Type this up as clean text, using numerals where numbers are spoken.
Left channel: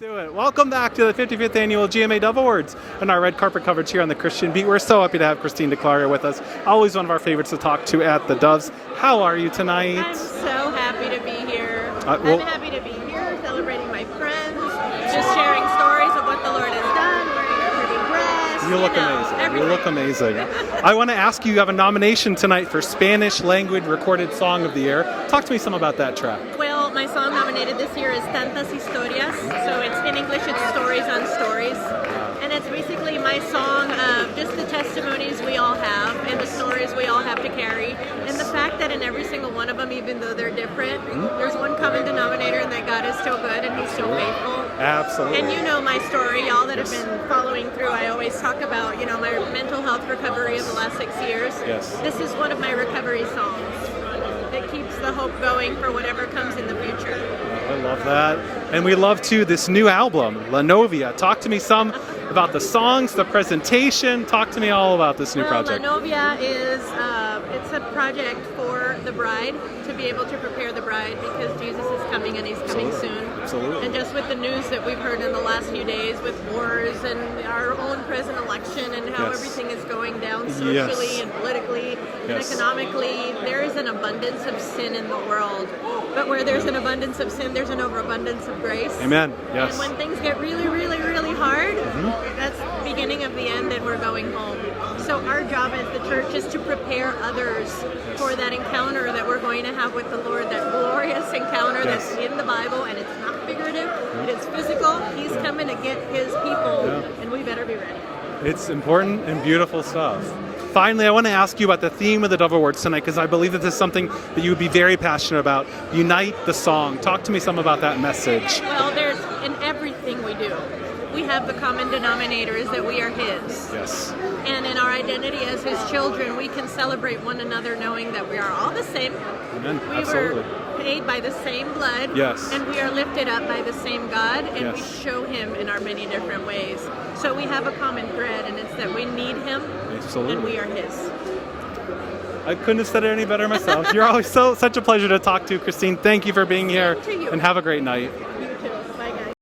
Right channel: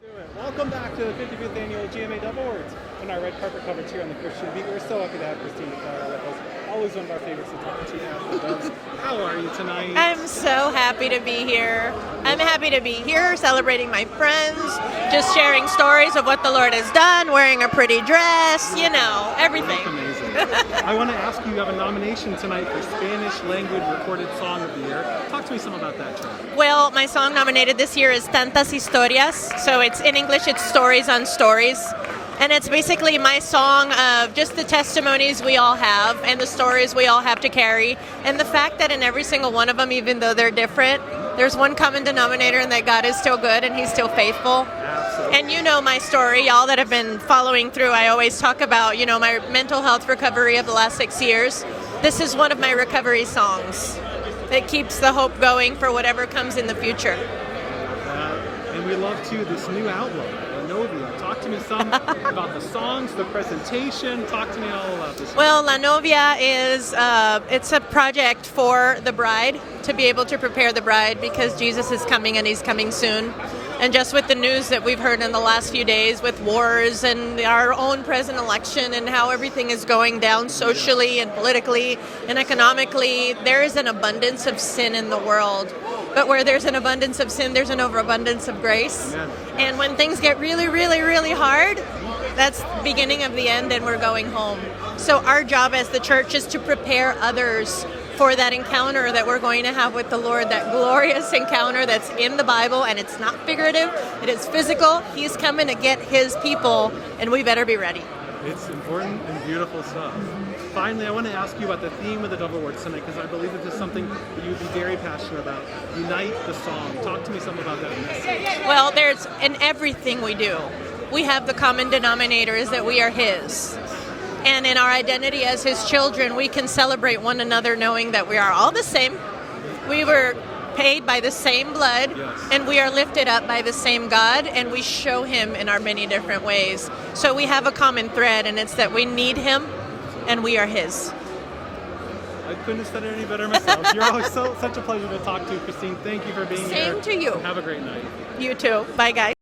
Do it. Welcome back to the 55th Annual GMA Dove Awards and our red carpet coverage here on the Christian Beat. We're so happy to have Christine DeClaria with us. Always one of our favorites to talk to at the Doves. How are you tonight? I'm so happy to be here. I'm happy to be here celebrating my friends, just sharing stories of what the Lord has done, wearing a pretty dress, everything. You look amazing. I want to ask you have a nomination tonight for Spanish language recorded song of the year. Talk to me some about that track. Well, my song nominated this year is Tantas Historias. So it's in English, it's Stories on Stories. And it's basically my song of just the testimonies we all have and the stories we all have to carry. And the fact that in every single one of them, even though they're different, there's one common denominator and that God is still good and He's still faithful. Absolutely. And you know my story, y'all that have been following through, I always talk about, my mental health recovery of the last 6 years. Yes. This is one of my recovery songs that keeps the hope going for whatever comes in the future. I love that. And we love, too, this new album, Novia. Talk to me some about the songs, the presentation. Talk to me all about this new project. Novia is it's a project for the bride, to be able to prepare the bride because Jesus is coming and He's coming soon. Absolutely. And just with the news that we've heard in the last few days with wars and our own present election and how everything is going down socially and politically and economically, there is an abundance of sin in the world. But where there's an abundance of sin, there's an overabundance of grace. Amen. Yes. And when things get really, really, really hard, that's the beginning of the end and we're going home. So our job as the church is to prepare others for that encounter that we're going to have with the Lord, that glorious encounter that's in the Bible, and it's not figurative, it is physical. He's coming to get His people, and we better be ready. It's important and beautiful stuff. Finally, I want to ask you about the theme of the Dove Awards tonight, because I believe that this is something that you would be very passionate about. Unite the song. Talk to me some about that message. Well, there's in everything we do, we have the common denominator is that we are His. Yes. And in our identity as His children, we can celebrate one another knowing that we are all the same. Amen. We were paid by the same blood, and we are lifted up by the same God, and we show Him in our many different ways. So we have a common thread, and it's that we need Him, and we are His. I couldn't have said it any better myself. You're always such a pleasure to talk to, Christine. Thank you for being here. Same to you. And have a great night. You too. Bye, guys.